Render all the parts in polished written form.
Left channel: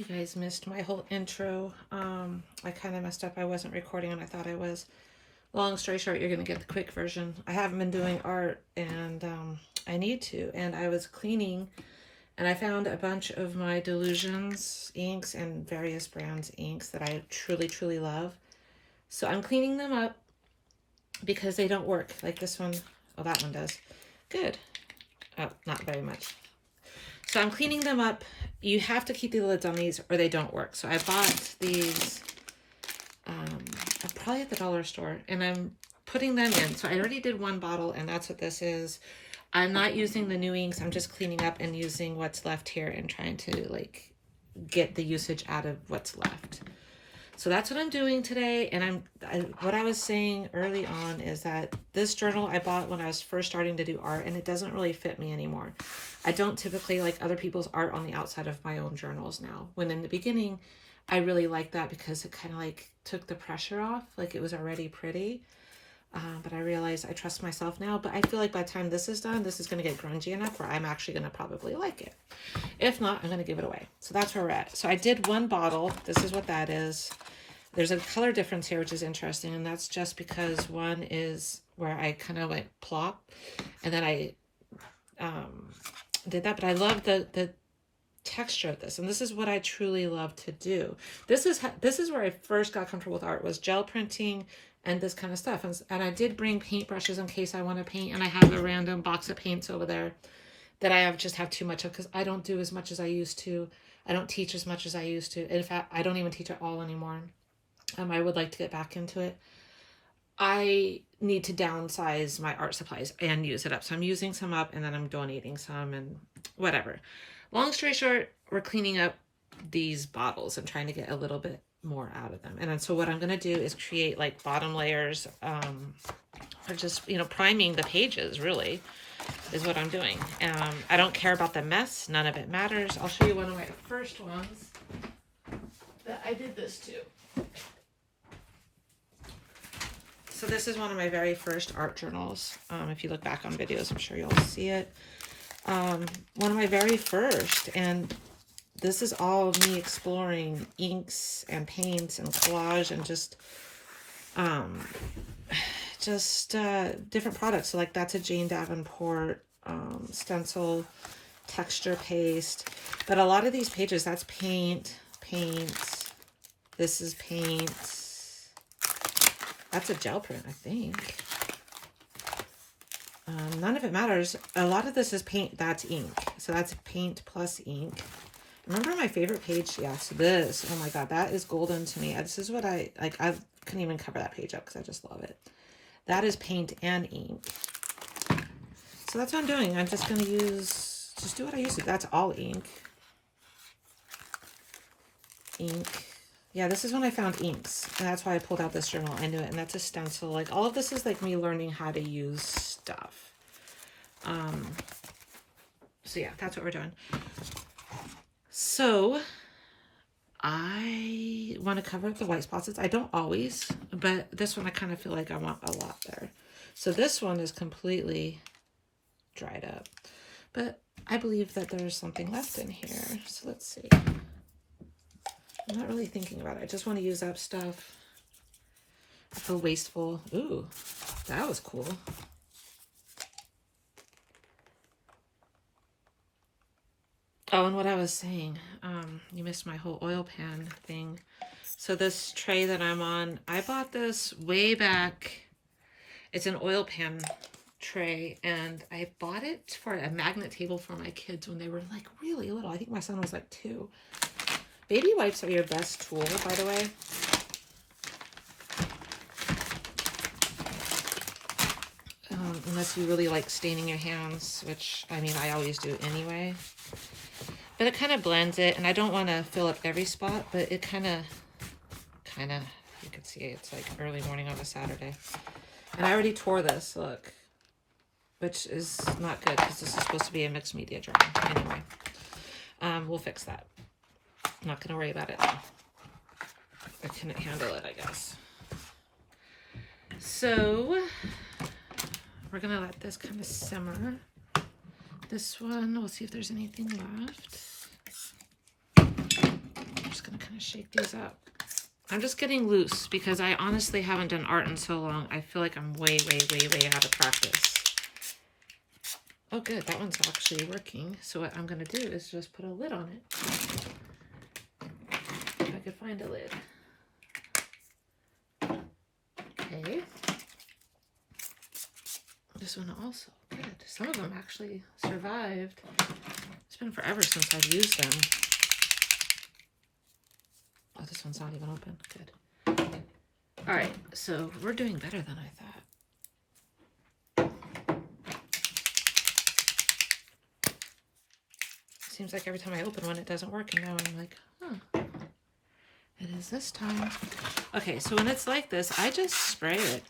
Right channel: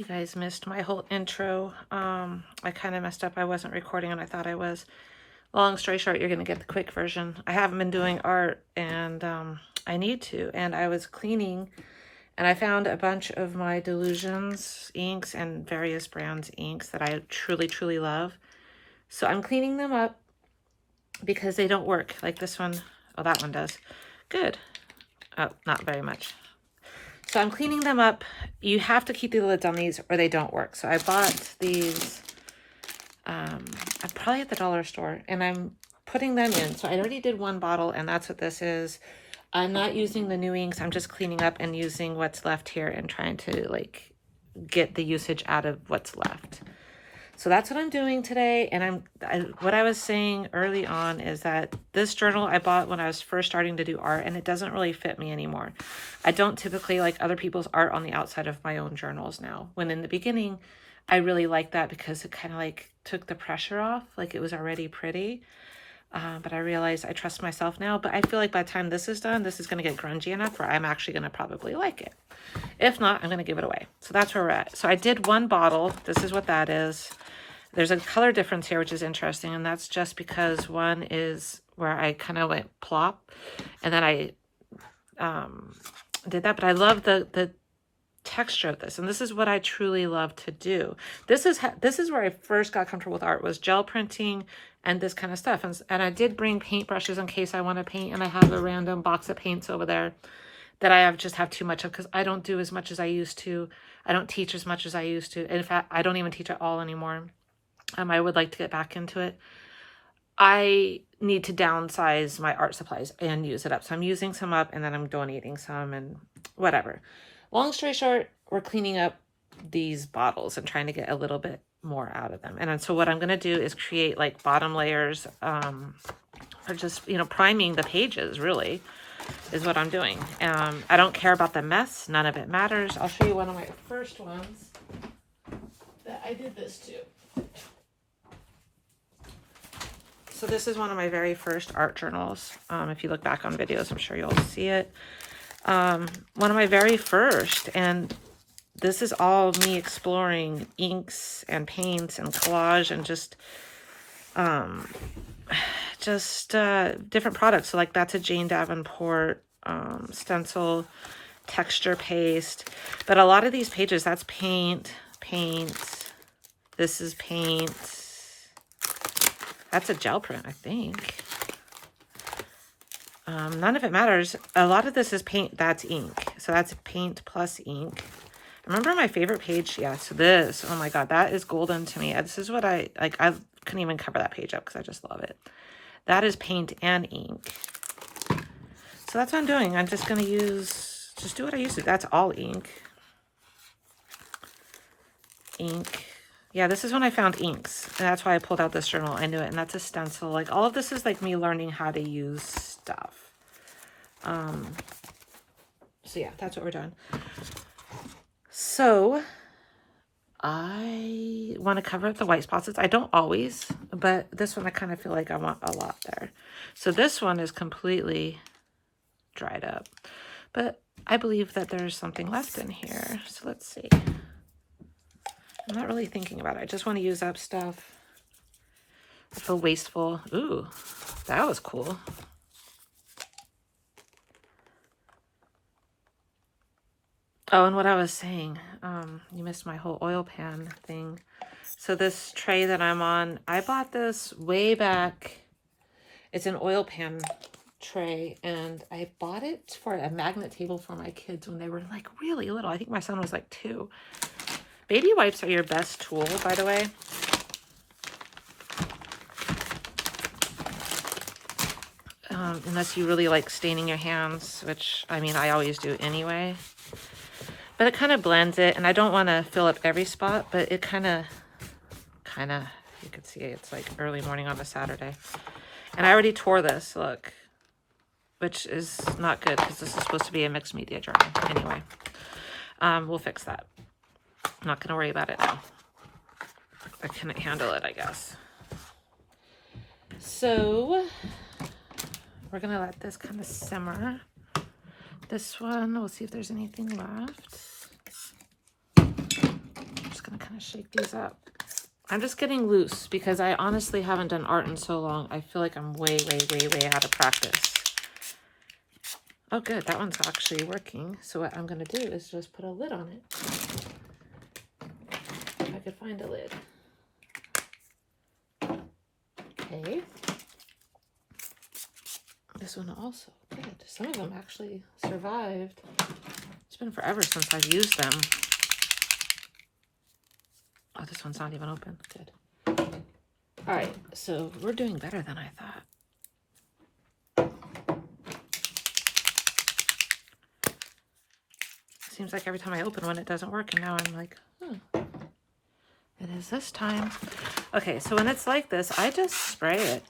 You guys missed my whole intro. I kind of messed up. I wasn't recording and I thought I was. Long story short, you're going to get the quick version. I haven't been doing art and I need to. And I was cleaning and I found a bunch of my Delusions inks and various brands inks that I truly, truly love. So I'm cleaning them up because they don't work. Like this one. Oh, that one does. Good. Oh, not very much. So I'm cleaning them up. You have to keep the lids on these or they don't work. So I bought these probably at the dollar store and I'm putting them in. So I already did one bottle and that's what this is. I'm not using the new inks. I'm just cleaning up and using what's left here and trying to like get the usage out of what's left. So that's what I'm doing today. And what I was saying early on is that this journal I bought when I was first starting to do art and it doesn't really fit me anymore. I don't typically like other people's art on the outside of my own journals now. When in the beginning, I really liked that because it kind of like took the pressure off. Like it was already pretty. But I realize I trust myself now. But I feel like by the time this is done, this is going to get grungy enough where I'm actually going to probably like it. If not, I'm going to give it away. So that's where we're at. So I did one bottle. This is what that is. There's a color difference here, which is interesting. And that's just because one is where I kind of went plop. And then I did that. But I love the texture of this. And this is what I truly love to do. This is where I first got comfortable with art, was gel printing and this kind of stuff. And I did bring paintbrushes in case I want to paint. And I have a random box of paints over there that I just have too much of because I don't do as much as I used to. I don't teach as much as I used to. In fact, I don't even teach at all anymore. I would like to get back into it. I need to downsize my art supplies and use it up. So I'm using some up and then I'm donating some and whatever. Long story short, we're cleaning up these bottles and trying to get a little bit more out of them. And then, so what I'm going to do is create like bottom layers or just, priming the pages really is what I'm doing. I don't care about the mess. None of it matters. I'll show you one of my first ones that I did this to. So this is one of my very first art journals. If you look back on videos, I'm sure you'll see it. One of my very first, and this is all me exploring inks and paints and collage and just different products. So like that's a Jane Davenport stencil texture paste. But a lot of these pages, that's paint. This is paint. That's a gel print, I think. None of it matters. A lot of this is paint. That's ink. So that's paint plus ink. Remember my favorite page? Yeah, so this. Oh my God, that is golden to me. This is what I couldn't even cover that page up because I just love it. That is paint and ink. So that's what I'm doing. I'm just going to just do what I used to. That's all ink. Yeah, this is when I found inks. And that's why I pulled out this journal. I knew it. And that's a stencil. Like all of this is like me learning how to use stuff. So yeah, that's what we're doing. So I want to cover up the white spots. I don't always, but this one I kind of feel like I want a lot there. So this one is completely dried up. But I believe that there's something left in here. So let's see. I'm not really thinking about it. I just want to use up stuff. I feel wasteful. Ooh, that was cool. Oh, and what I was saying, you missed my whole oil pan thing. So this tray that I'm on, I bought this way back. It's an oil pan tray, and I bought it for a magnet table for my kids when they were like really little. I think my son was like 2. Baby wipes are your best tool, by the way. Unless you really like staining your hands, which, I mean, I always do anyway. But it kind of blends it, and I don't want to fill up every spot, but it kind of, you can see it's like early morning on a Saturday. And I already tore this, look, which is not good because this is supposed to be a mixed media journal. Anyway, we'll fix that. I'm not going to worry about it now. I couldn't handle it, I guess. So we're going to let this kind of simmer. This one, we'll see if there's anything left. gonna shake these up. I'm just getting loose because I honestly haven't done art in so long. I feel like I'm way out of practice. Oh, good. That one's actually working. So what I'm going to do is just put a lid on it. If I could find a lid. Okay. This one also. Good. Some of them actually survived. It's been forever since I've used them. Oh, this one's not even open. Good. All right. So we're doing better than I thought. Seems like every time I open one, it doesn't work. And now I'm like, it is this time. Okay, so when it's like this, I just spray it.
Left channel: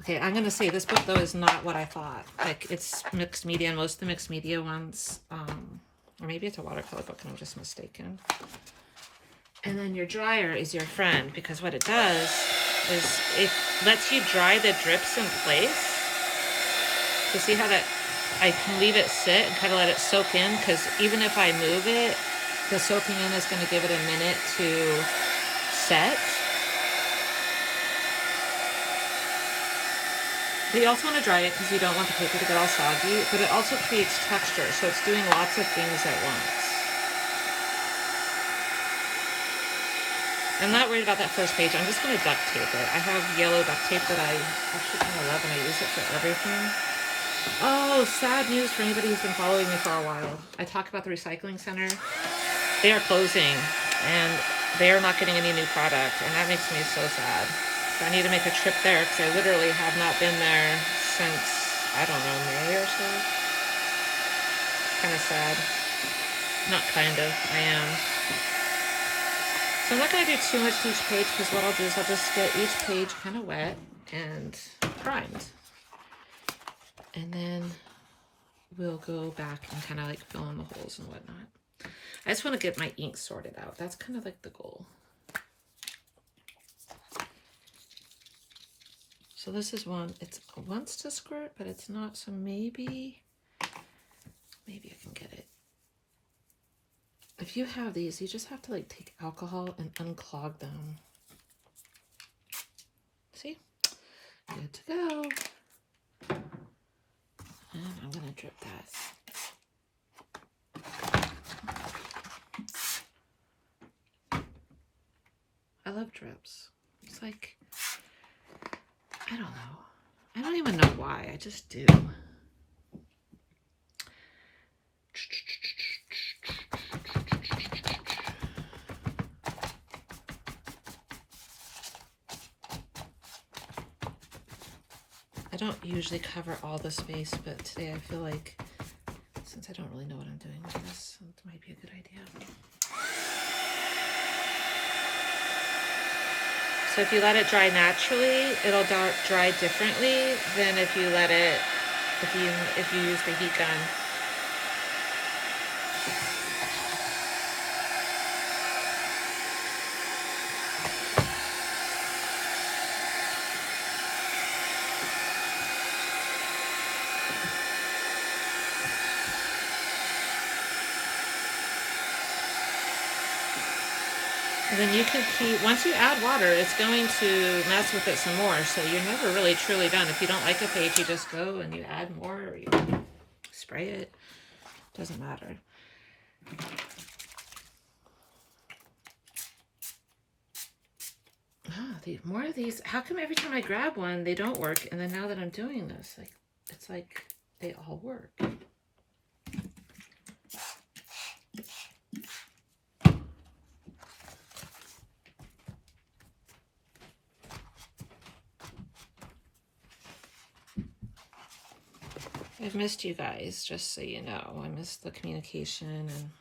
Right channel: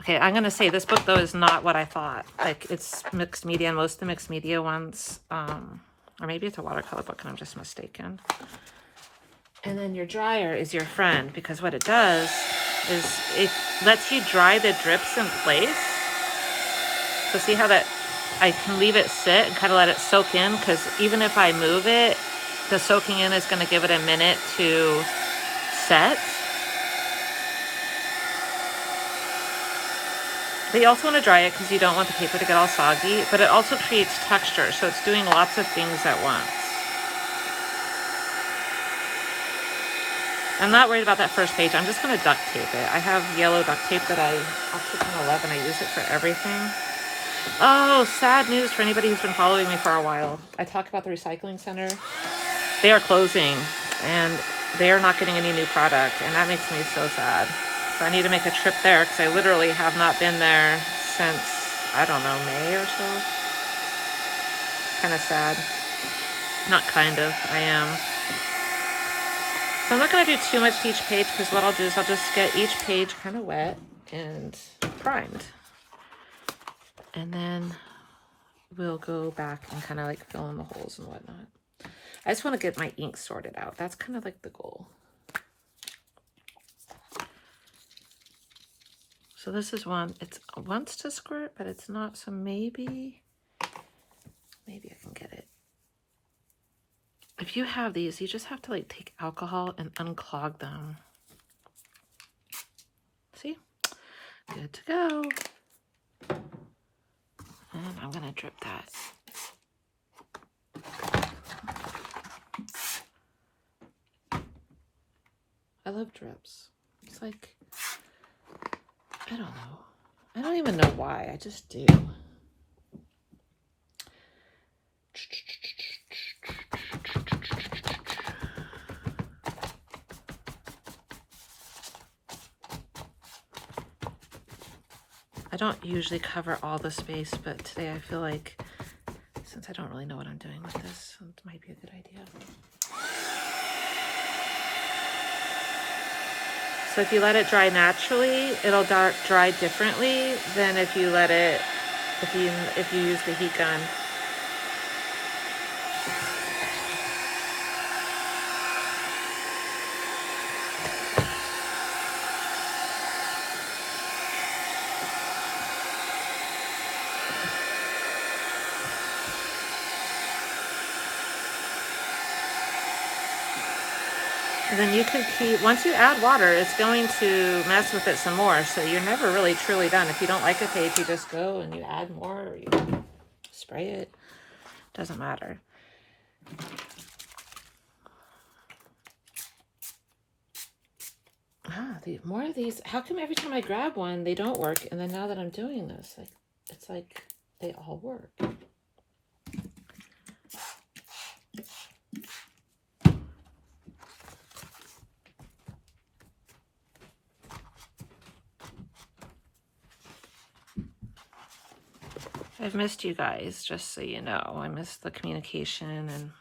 Okay, I'm going to say this book, though, is not what I thought. Like, it's mixed media, and most of the mixed media ones, or maybe it's a watercolor book and I'm just mistaken. And then your dryer is your friend, because what it does is it lets you dry the drips in place. So see how that I can leave it sit and kind of let it soak in, because even if I move it, the soaking in is going to give it a minute to set. But you also want to dry it because you don't want the paper to get all soggy, but it also creates texture, so it's doing lots of things at once. I'm not worried about that first page. I'm just going to duct tape it. I have yellow duct tape that I actually kind of love, and I use it for everything. Oh, sad news for anybody who's been following me for a while. I talk about the recycling center. They are closing, and they are not getting any new product, and that makes me so sad. So I need to make a trip there, because I literally have not been there since, I don't know, May or so. Kind of sad. Not kind of, I am. So I'm not going to do too much to each page, because what I'll do is I'll just get each page kind of wet and primed. And then we'll go back and kind of like fill in the holes and whatnot. I just want to get my ink sorted out. That's kind of like the goal. So this is one, it wants to squirt, but it's not. So maybe I can get it. If you have these, you just have to like take alcohol and unclog them. See? Good to go. And I'm going to drip that. I love drips. It's like, I don't know. I don't even know why. I just do. I don't usually cover all the space, but today I feel like, since I don't really know what I'm doing with this, it might be a good idea. So if you let it dry naturally, it'll dry differently than if you let it, if you use the heat gun. And then you can keep, once you add water, it's going to mess with it some more. So you're never really truly done. If you don't like a page, you just go and you add more, or you spray it. Doesn't matter. More of these. How come every time I grab one, they don't work? And then now that I'm doing this, like, it's like they all work. I've missed you guys, just so you know. I missed the communication, and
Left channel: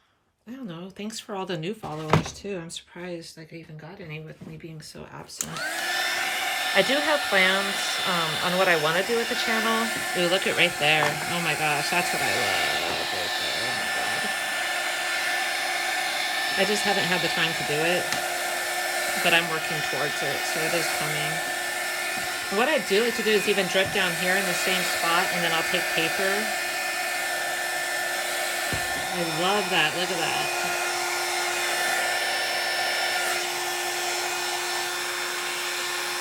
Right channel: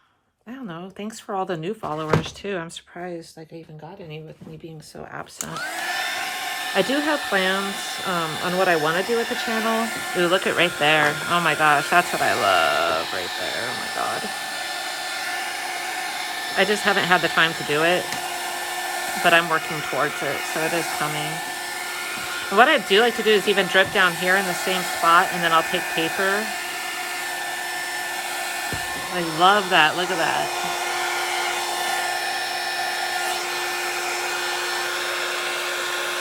I don't know. Thanks for all the new followers, too. I'm surprised like I even got any with me being so absent. I do have plans on what I want to do with the channel. Ooh, look at right there. Oh my gosh, that's what I love right there. Oh my god. I just haven't had the time to do it, but I'm working towards it, so it is coming. What I do like to do is even drip down here in the same spot, and then I'll take paper. I love that. Look at that.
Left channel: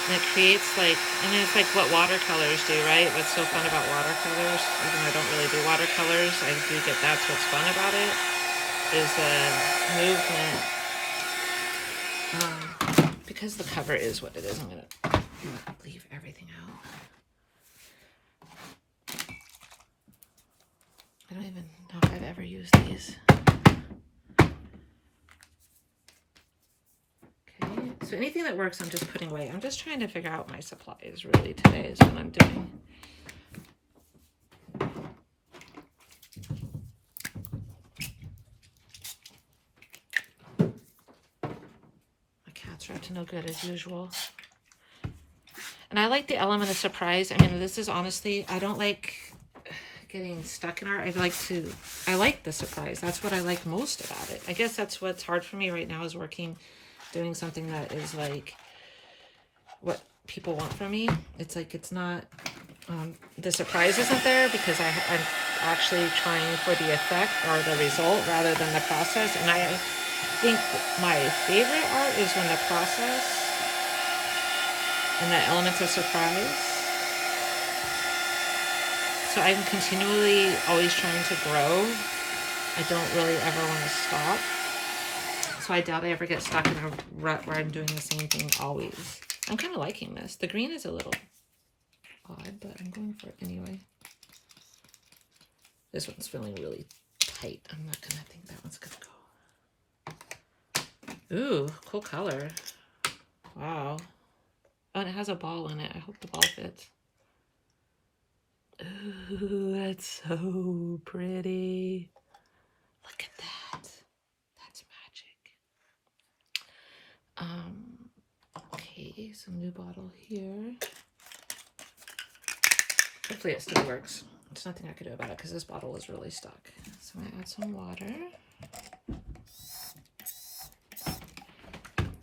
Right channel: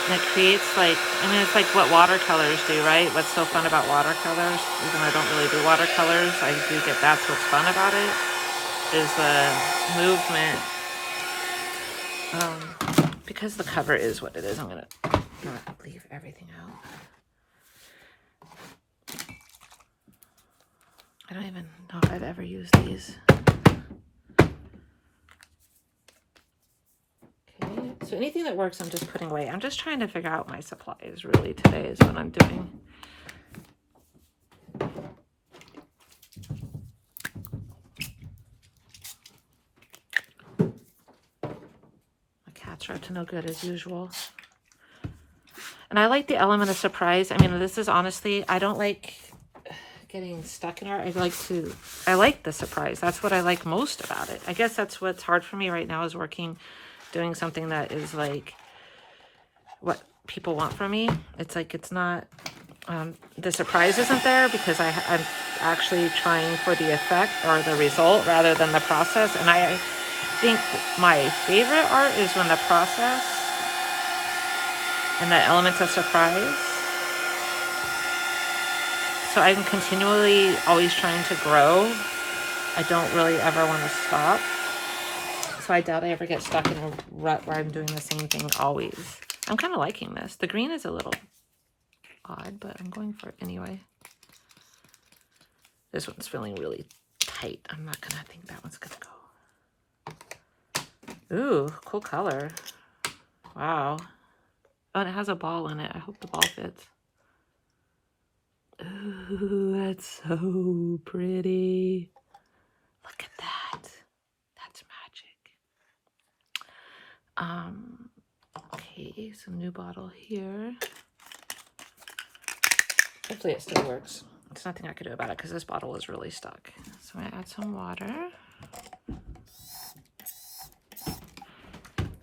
And it creates like, I mean, it's like what watercolors do, right? What's so fun about watercolors, even though I don't really do watercolors, I do think that's what's fun about it, is the movement. Because the cover is what it is, I'm gonna not leave everything out. I don't even know if I've ever used these. Okay, so anything that works, I'm just putting away. I'm just trying to figure out my supplies, really, today is what I'm doing. My cats are up to no good as usual. And I like the element of surprise. I mean, this is honestly, I don't like getting stuck in art. I like the surprise. That's what I like most about it. I guess that's what's hard for me right now, is doing something that is like what people want from me. It's like, it's not, the surprise isn't there because I'm actually trying for the effect or the result rather than the process. And I think my favorite art is when the process and the elements of surprise. So I'm continually always trying to grow. I don't really ever want to stop. So I doubt I ever get stuck in a rut where I'm doing the same thing always. I'm kind of liking this. The green is a little odd, but I'm going for it anyway. This one's feeling really tight. I'm not gonna think that one's gonna go. Ooh, cool color. Wow. Oh, and it has a ball in it. I hope the ball fits. Ooh, that's so pretty. Look at that. That's magic. Okay, some new bottle here. Hopefully it still works. There's nothing I could do about it because this bottle is really stuck. So I'm gonna add some water.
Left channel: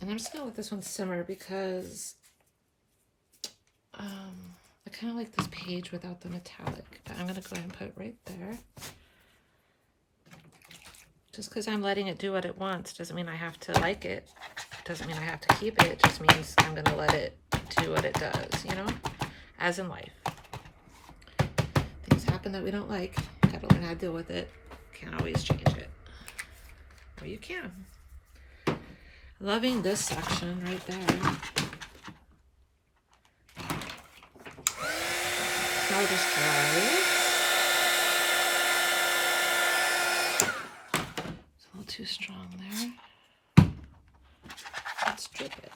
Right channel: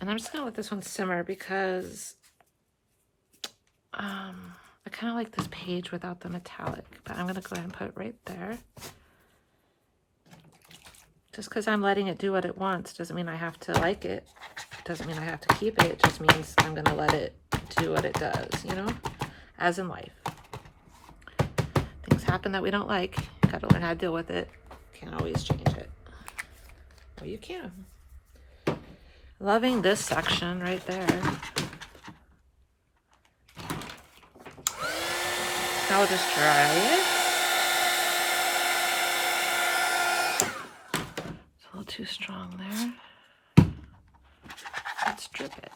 And I'm just gonna let this one simmer because I kind of like this page without the metallic, but I'm gonna go ahead and put it right there. Just because I'm letting it do what it wants doesn't mean I have to like it. Doesn't mean I have to keep it. It just means I'm gonna let it do what it does, you know? As in life. Things happen that we don't like. Gotta learn how to deal with it. Can't always change it. Or you can. Loving this section right there. Now I'll just dry it. It's a little too strong there. Let's drip it.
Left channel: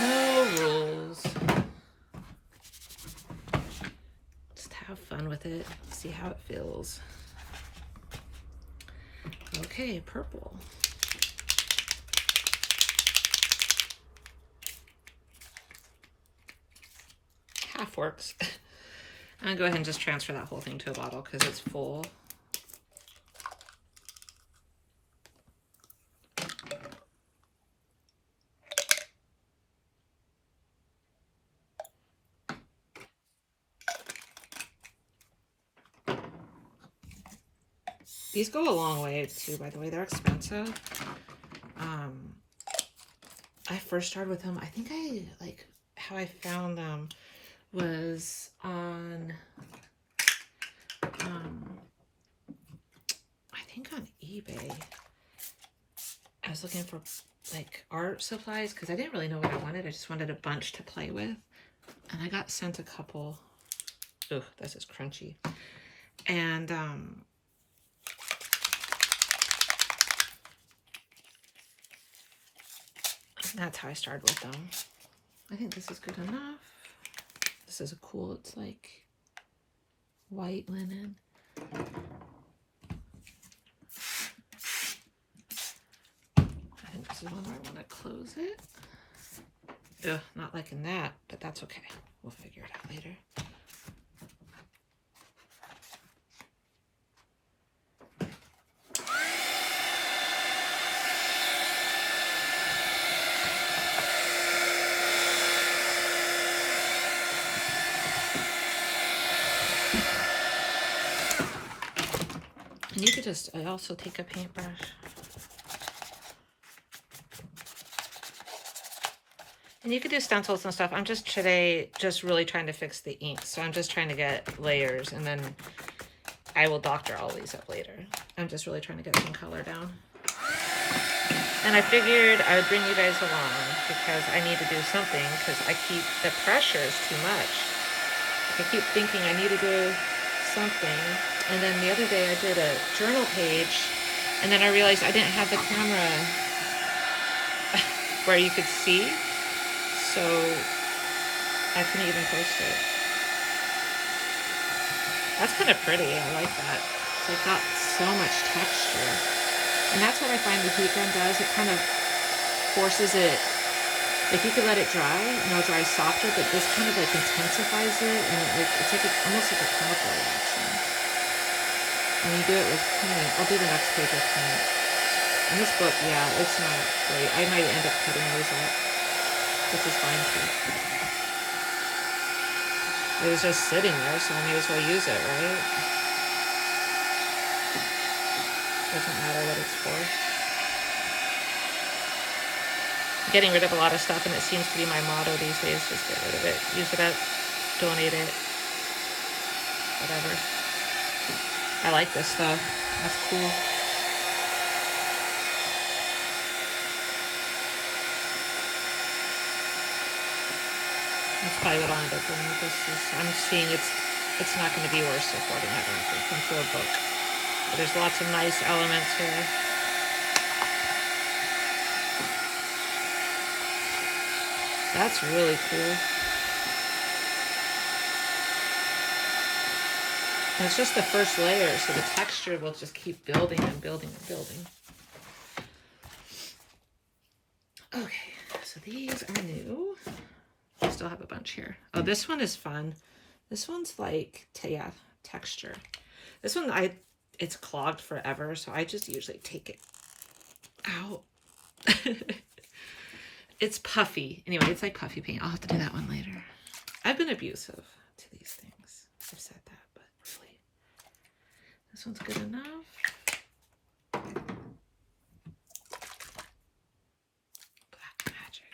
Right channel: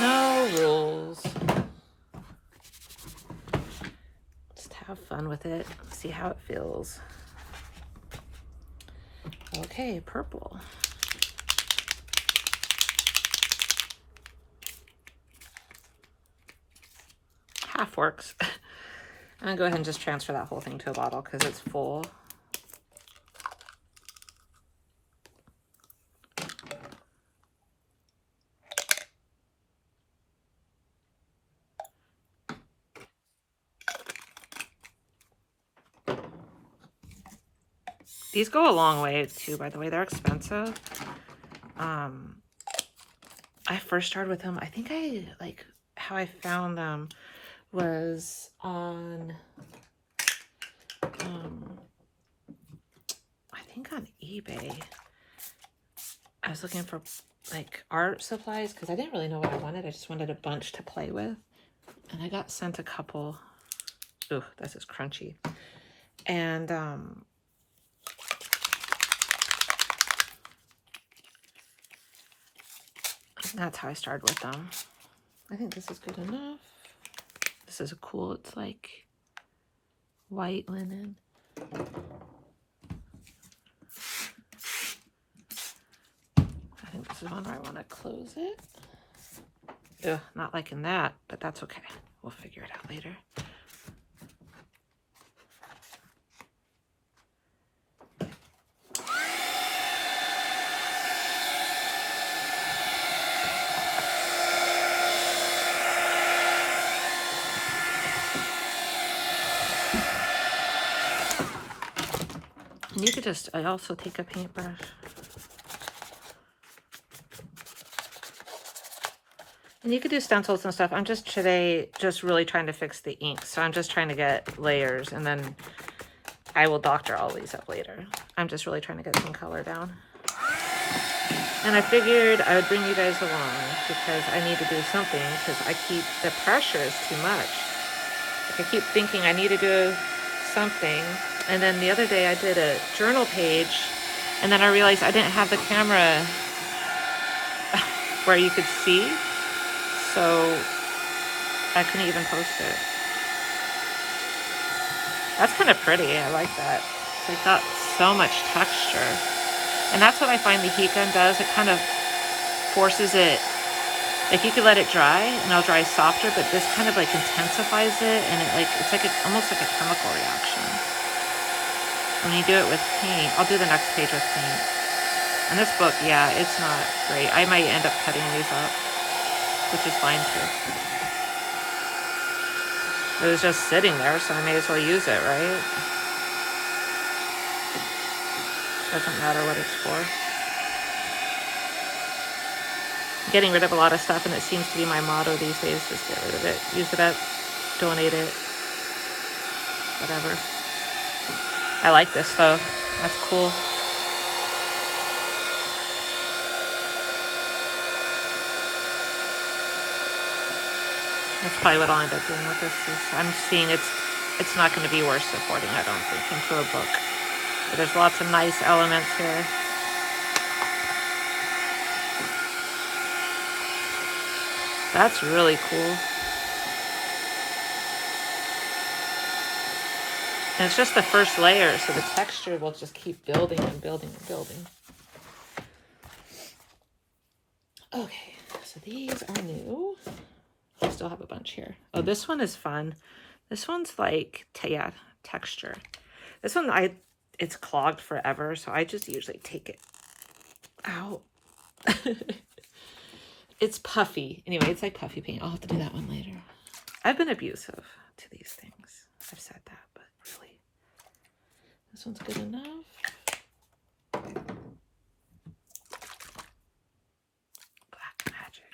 No rules. Just have fun with it. See how it feels. Okay, purple. Half works. I'm gonna go ahead and just transfer that whole thing to a bottle because it's full. These go a long way too, by the way. They're expensive. I first started with them. I think how I found them was on I think on eBay. I was looking for like art supplies because I didn't really know what I wanted. I just wanted a bunch to play with. And I got sent a couple. Ooh, this is crunchy. And that's how I started with them. I think this is good enough. This is a cool, it's like white linen. I think this is one where I want to close it. Ugh, not liking that, but that's okay. We'll figure it out later. you could just, I also take a paintbrush. And you could do stencils and stuff. I'm just today just really trying to fix the ink. So I'm just trying to get layers, and then I will doctor all these up later. I'm just really trying to get some color down. And I figured I would bring you guys along because I need to do something, because the pressure is too much. I keep thinking I need to do something. And then the other day I did a journal page, and then I realized I didn't have the camera where you could see. So I couldn't even post it. That's kind of pretty. I like that. It's got so much texture. And that's what I find the heat gun does. It kind of forces it. Like, you could let it dry and it'll dry softer, but this kind of like intensifies it, and it's like almost like a chemical reaction. When you do it with paint, I'll do the next page with paint. And this book, yeah, it's not great. I might end up cutting these up, which is fine too. It was just sitting there, so I may as well use it, right? Doesn't matter what it's for. Getting rid of a lot of stuff, and it seems to be my motto these days. Just get rid of it. Use it up. Donate it. Whatever. I like this though. That's cool. That's probably what I'll end up doing with this. I'm seeing it's not going to be worth supporting, I don't think, into a book. But there's lots of nice elements here. That's really cool. And it's just the first layer, so the texture will just keep building and building and building. Okay, so these are new. I still have a bunch here. Oh, this one is fun. This one's like, yeah, texture. This one, it's clogged forever, so I just usually take it out. It's puffy. Anyway, it's like puffy paint. I'll have to do that one later. I've been abusive to these things. I've said that, but really, this one's good enough. Black magic.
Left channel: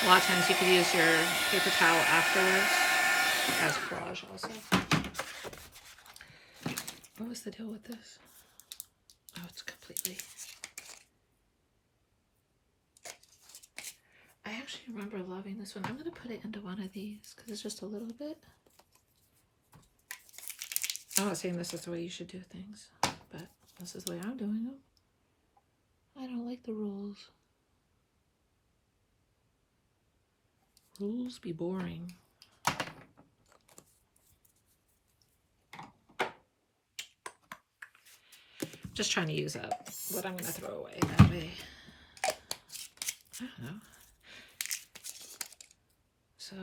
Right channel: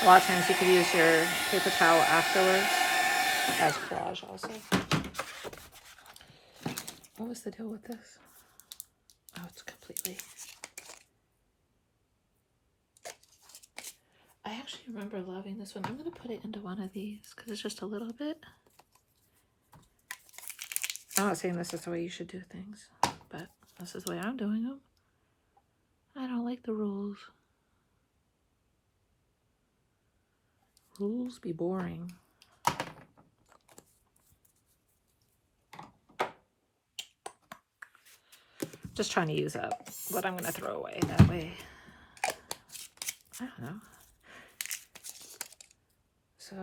A lot of times you could use your paper towel afterwards as collage also. What was the deal with this? Oh, it's completely... I actually remember loving this one. I'm going to put it into one of these because it's just a little bit. I'm not saying this is the way you should do things, but this is the way I'm doing them. I don't like the rules. Rules be boring. Just trying to use up what I'm going to throw away. That way, I don't know. So,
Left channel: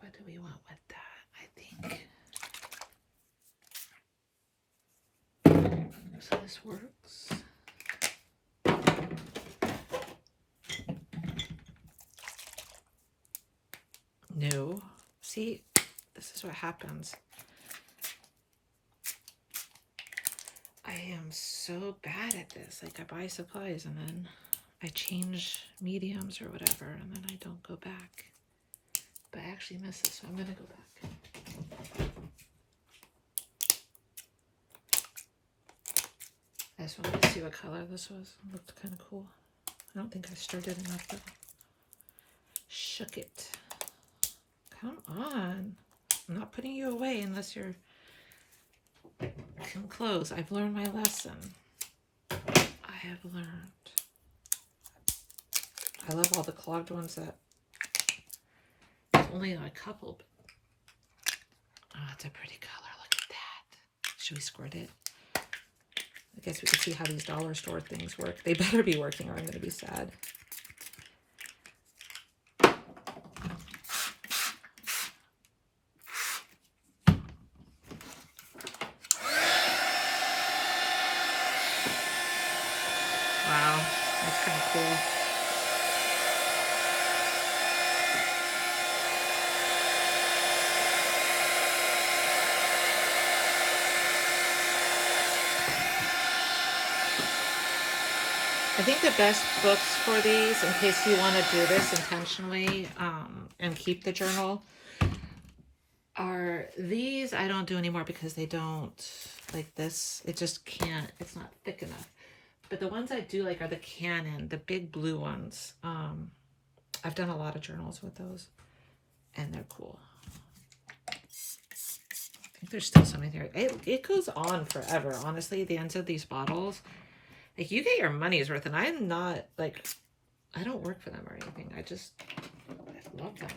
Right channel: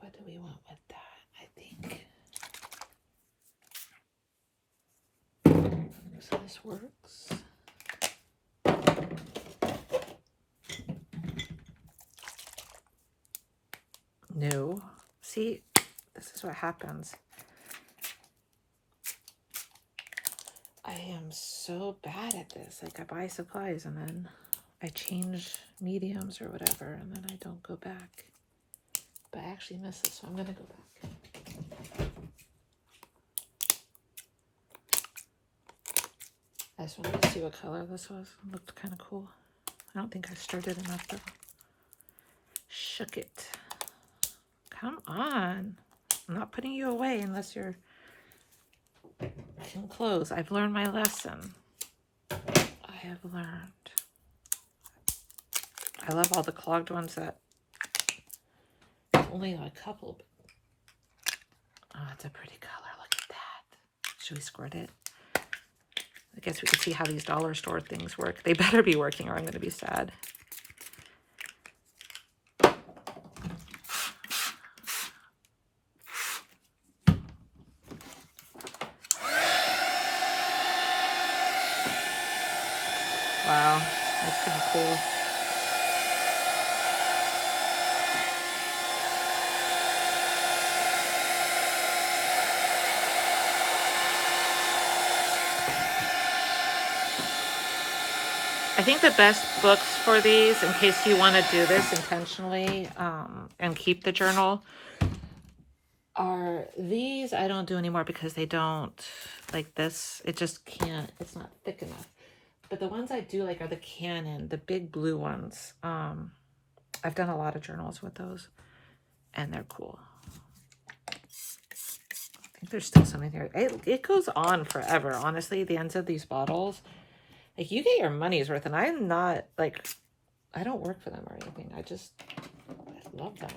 what do we want with that? I think. So this works. No. See, this is what happens. I am so bad at this. Like I buy supplies and then I change mediums or whatever, and then I don't go back. But I actually missed this, so I'm gonna go back. I just wanted to see what color this was. It looked kind of cool. I don't think I stirred it enough though. Shook it. Come on. I'm not putting you away unless you're can close. I've learned my lesson. I have learned. I love all the clogged ones that only a couple. But, oh, it's a pretty color. Look at that. Should we squirt it? I guess we can see how these dollar store things work. They better be working or I'm going to be sad. Wow, that's pretty cool. I think the best books for these, in case you want to do this intentionally and keep the journal, are these. I don't do anymore because they don't, like this, it just can't, it's not thick enough. But the ones I do like are the Canon, the big blue ones. I've done a lot of journals with those and they're cool. I think there's still something there. It goes on forever, honestly, the ends of these bottles. Like, you get your money's worth, and I'm not, like, I don't work for them or anything. I love them.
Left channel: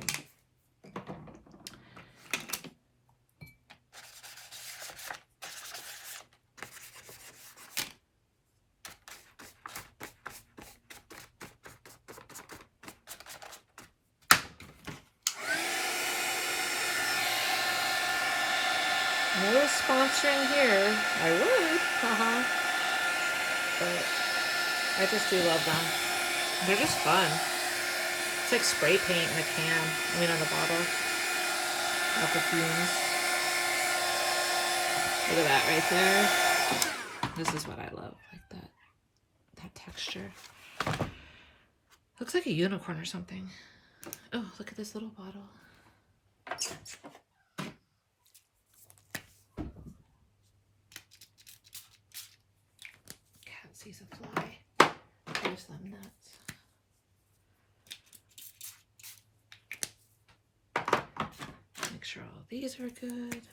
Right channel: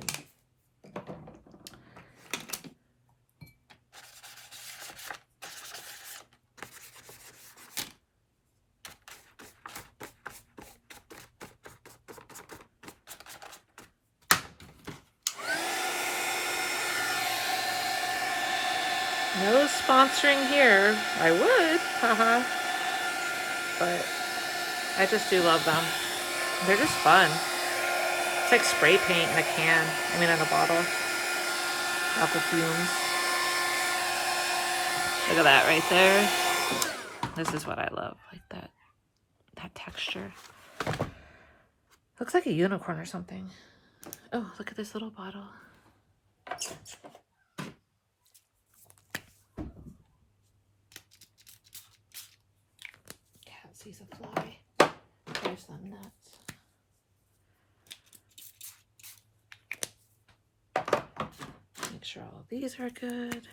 No sponsoring here. I would, haha. But I just do love them. They're just fun. It's like spray paint in a can. I mean, in a bottle. Off the fumes. Look at that right there. This is what I love. Like that texture. Looks like a unicorn or something. Oh, look at this little bottle. Cat sees a fly. There's them nuts. Make sure all of these are good.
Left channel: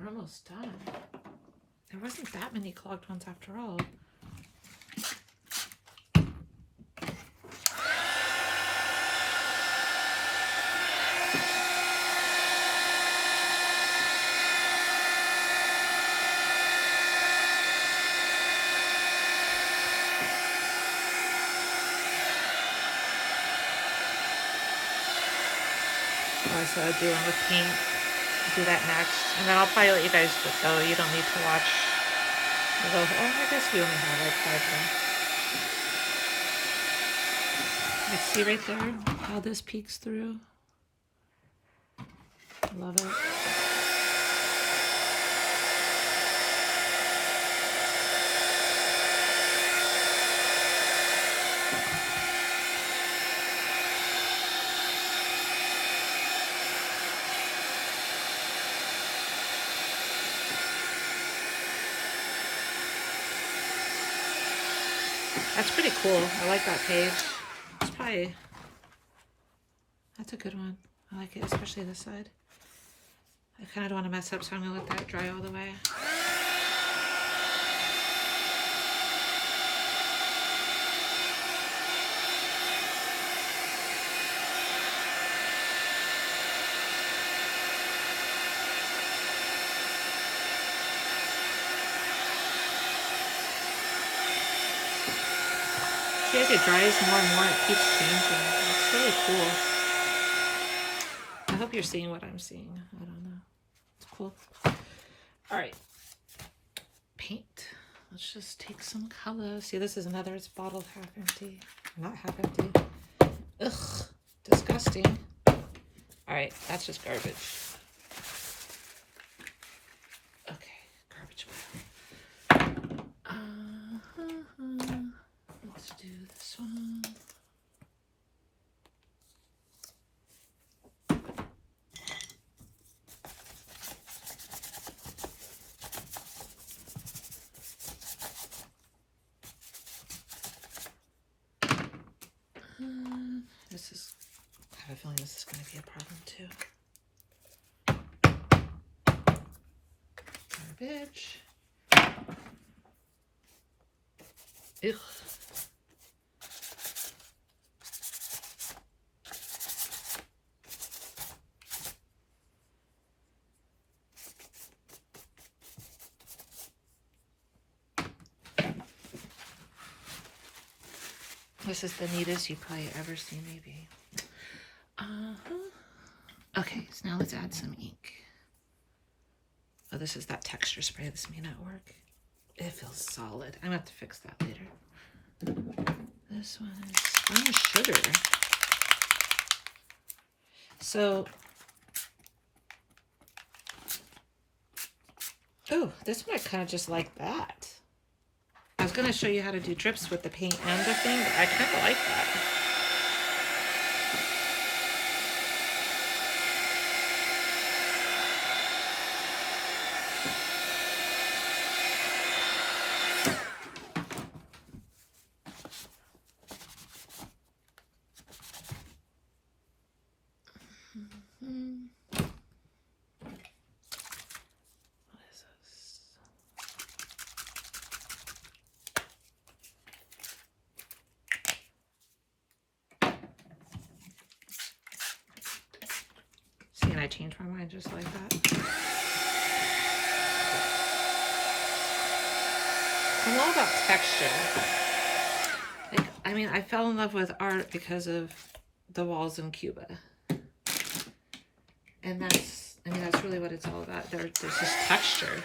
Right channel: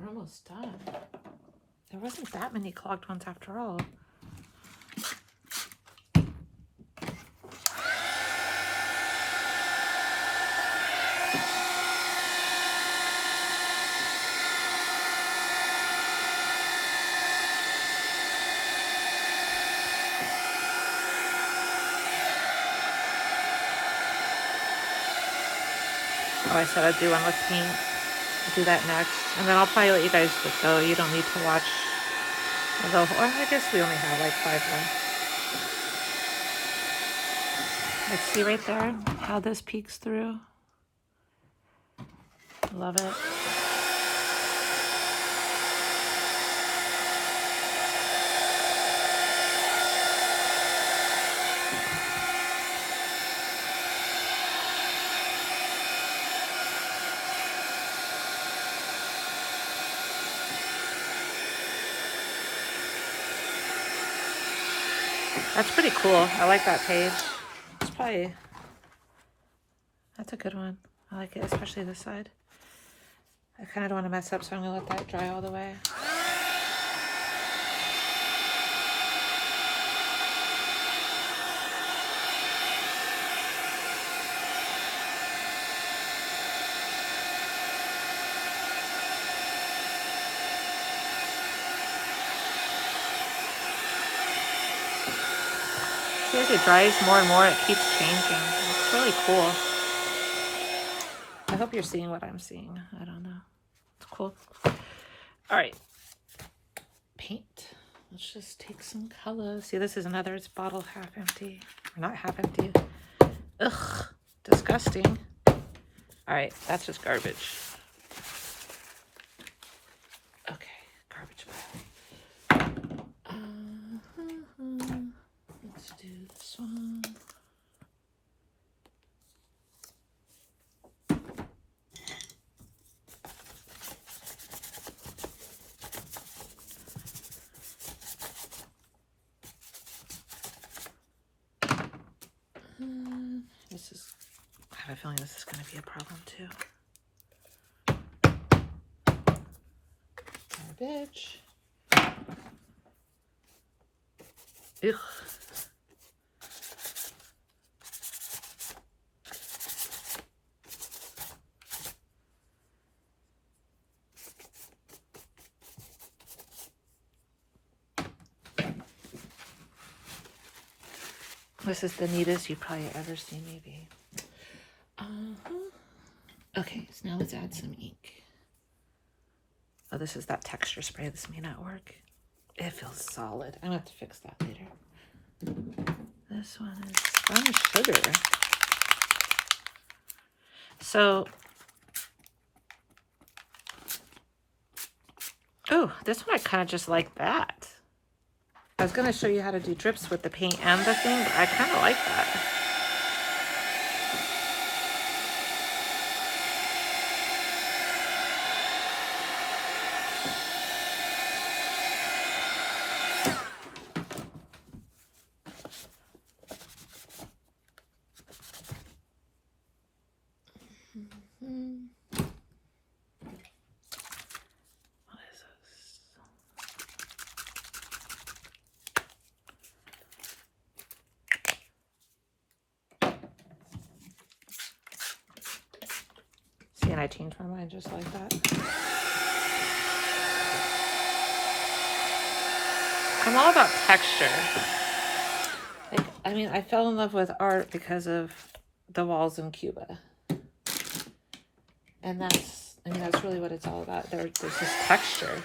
We're almost done. There wasn't that many clogged ones after all. Oh, I said I'd do one with paint. I'll do that next. And then I'll probably let you guys go. You don't need to watch. Well, I guess we only have like 5 more. Like, see right there how this peeks through? Love it. That's pretty cool. I like that page. It's probably, that's a good one. I like it, especially this side. I kind of don't want to mess up, so I'm going to let that dry all the way. See, as it dries more and more, it keeps changing. It's really cool. I hope you're seeing what I'm seeing. I don't know. It's cool. All right. Paint. Let's just take some colors. See, this is another, it's bottle half empty. Or not half empty. Ugh. disgusting. All right, that's just garbage. Okay, garbage pile. Let's do this one. This is, I have a feeling this is going to be a problem too. Garbage. Ugh. This is the neatest you've probably ever seen me be. Okay, so now let's add some ink. Oh, this is that texture spray. This may not work. It feels solid. I'm gonna have to fix that later. This one is Spun Sugar. So, oh, this one I kind of just like that. I was gonna show you how to do drips with the paint and the thing, but I kind of like that. And I changed my mind just like that. I'm all about texture. Like, I mean, I fell in love with art because of the walls in Cuba. And that's, I mean, that's really what it's all about. There's this texture.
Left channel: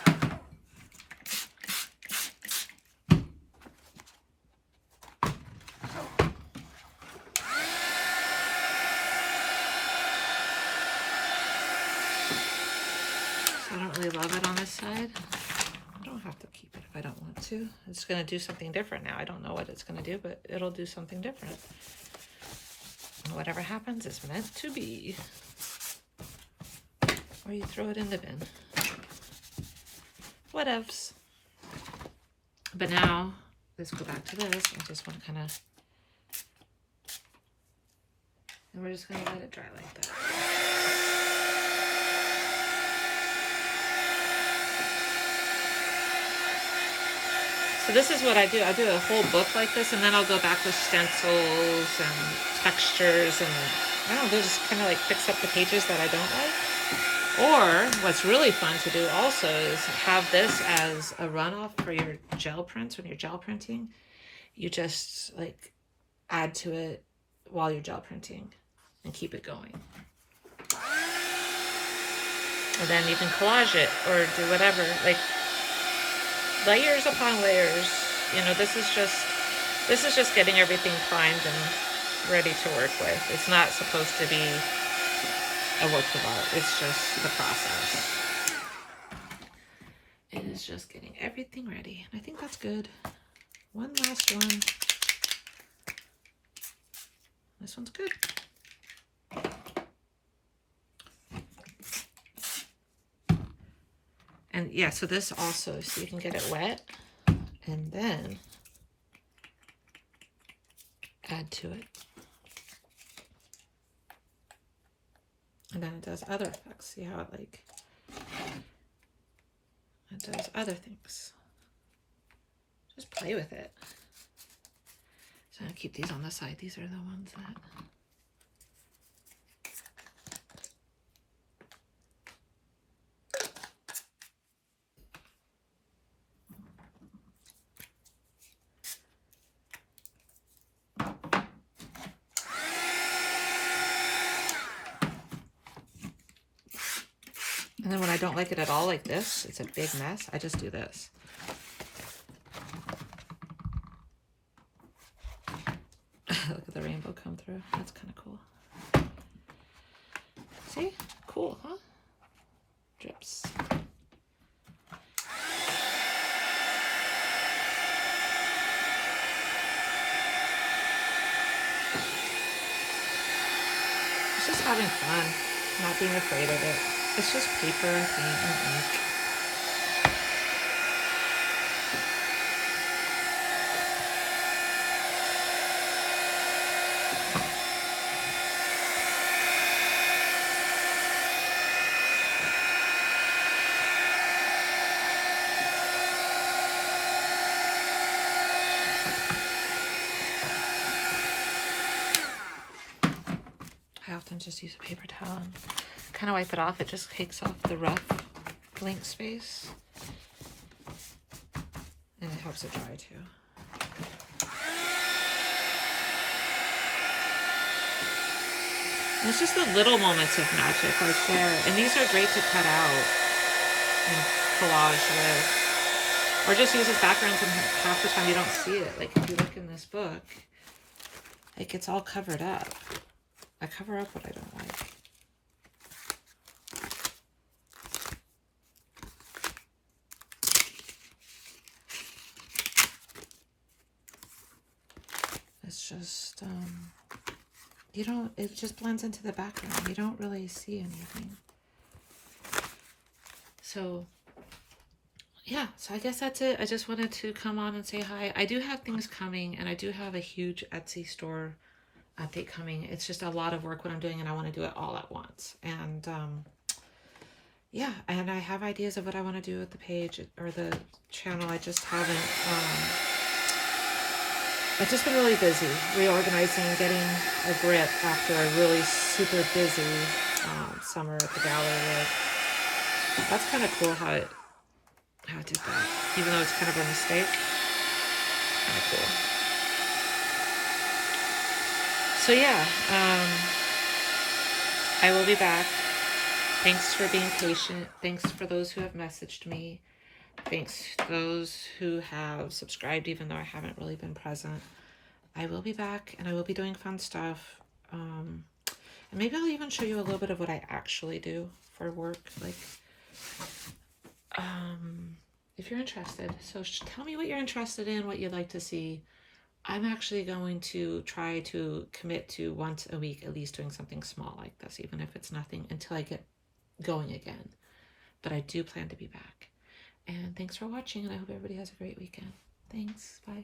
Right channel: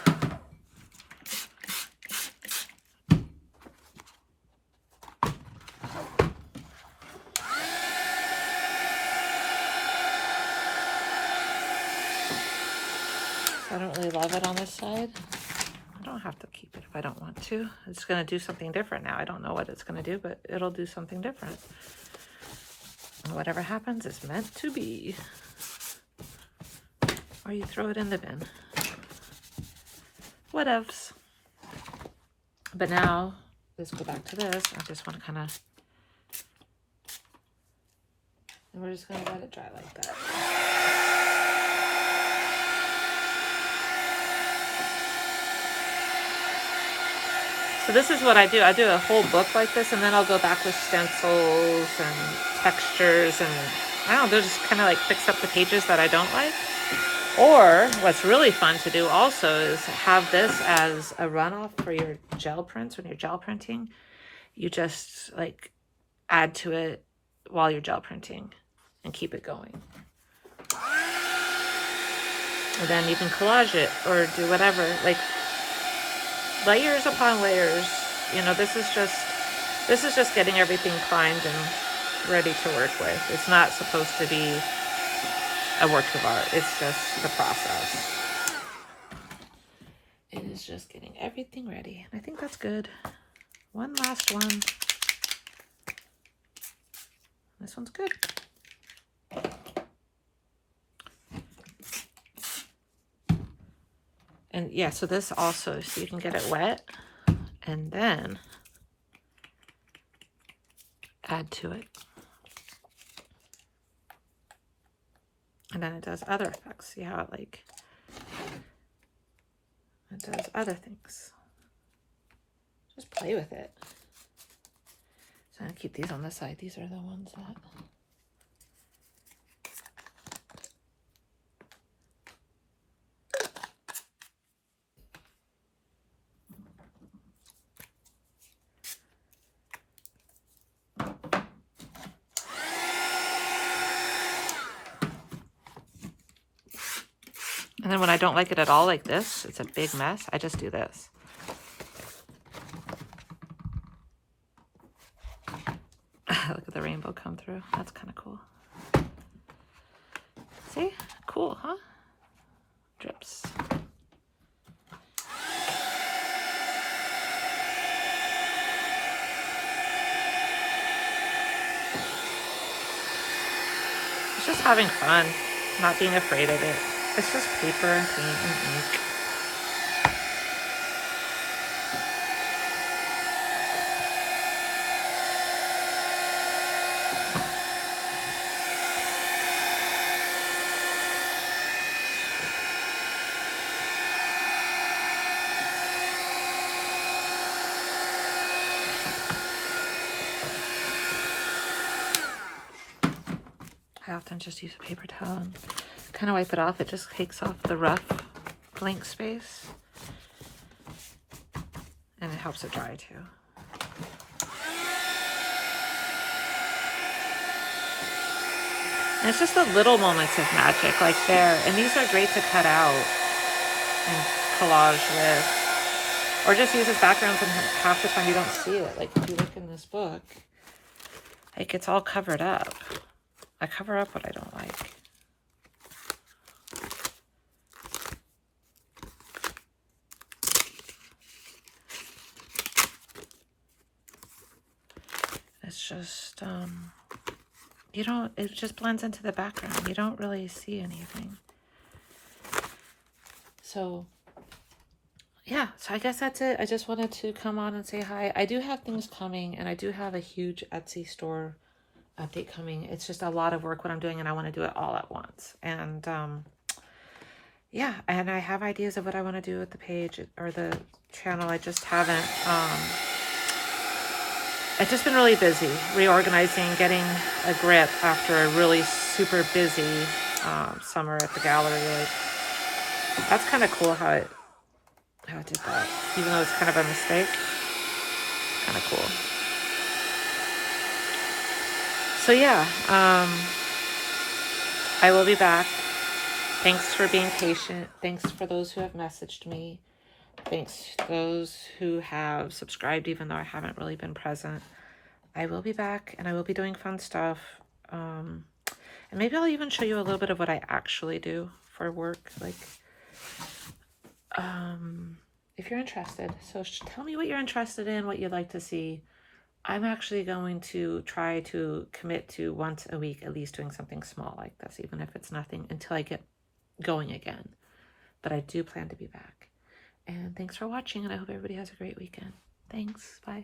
I don't really love it on this side. I don't have to keep it if I don't want to. It's going to do something different now. I don't know what it's going to do, but it'll do something different. And whatever happens is meant to be. Or you throw it in the bin. Whatevs. But now, let's go back to this. I just want to kind of... And we're just going to let it dry like that. So this is what I do. I do a whole book like this, and then I'll go back with stencils and textures, and I don't know, just kind of like fix up the pages that I don't like. Or what's really fun to do also is have this as a runoff for your gel prints. When you're gel printing, you just like add to it while you're gel printing and keep it going. And then you can collage it or do whatever, like layers upon layers. You know, this is just getting everything primed and ready to work with. It's not supposed to be a work of art. It's just the process. It is just getting everything ready. And I think that's good. One last one. This one's good. And yeah, so this also, so you can get it wet and then add to it. And then it does other effects. See how it like, it does other things. Just play with it. So I'm gonna keep these on the side. These are the ones that... And then when I don't like it at all like this, it's a big mess, I just do this. Look at the rainbow come through. That's kind of cool. See? Cool, huh? Drips. It's just having fun, not being afraid of it. It's just paper and paint and ink. I often just use a paper towel and kind of wipe it off. It just takes off the rough blank space. And it helps it dry too. And it's just the little moments of magic, like there. And these are great to cut out and collage with. Or just use as backgrounds, and half the time you don't see it. Like if you look in this book, like it's all covered up. I cover up what I don't like. It's just, you don't, it just blends into the background. You don't really see anything. So, yeah, so I guess that's it. I just wanted to come on and say hi. I do have things coming, and I do have a huge Etsy store update coming. It's just a lot of work what I'm doing, and I want to do it all at once. And yeah, and I have ideas of what I want to do with the page or the channel. I just haven't I've just been really busy reorganizing, getting a grip after a really super busy summer at the gallery. Like, that's kind of cool how it did that, even though it's kind of a mistake. Kind of cool. So yeah, I will be back. Thanks for being patient. Thanks for those who have messaged me. Thanks to those who have subscribed, even though I haven't really been present. I will be back, and I will be doing fun stuff. And maybe I'll even show you a little bit of what I actually do for work. Like, if you're interested. So tell me what you're interested in, what you'd like to see. I'm actually going to try to commit to once a week, at least doing something small like this, even if it's nothing, until I get going again. But I do plan to be back. And thanks for watching, and I hope everybody has a great weekend. Thanks. Bye.